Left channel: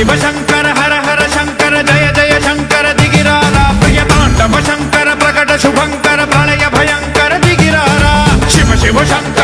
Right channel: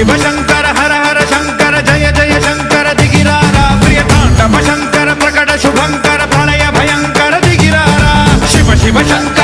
शिव शंकर हर हर शंकर जय जय शंकर दिगिरारा प्रिय तांडव शंकर प्रकट शुभंकर प्रलय भयंकर दिगिरारा शिव शिव शंकर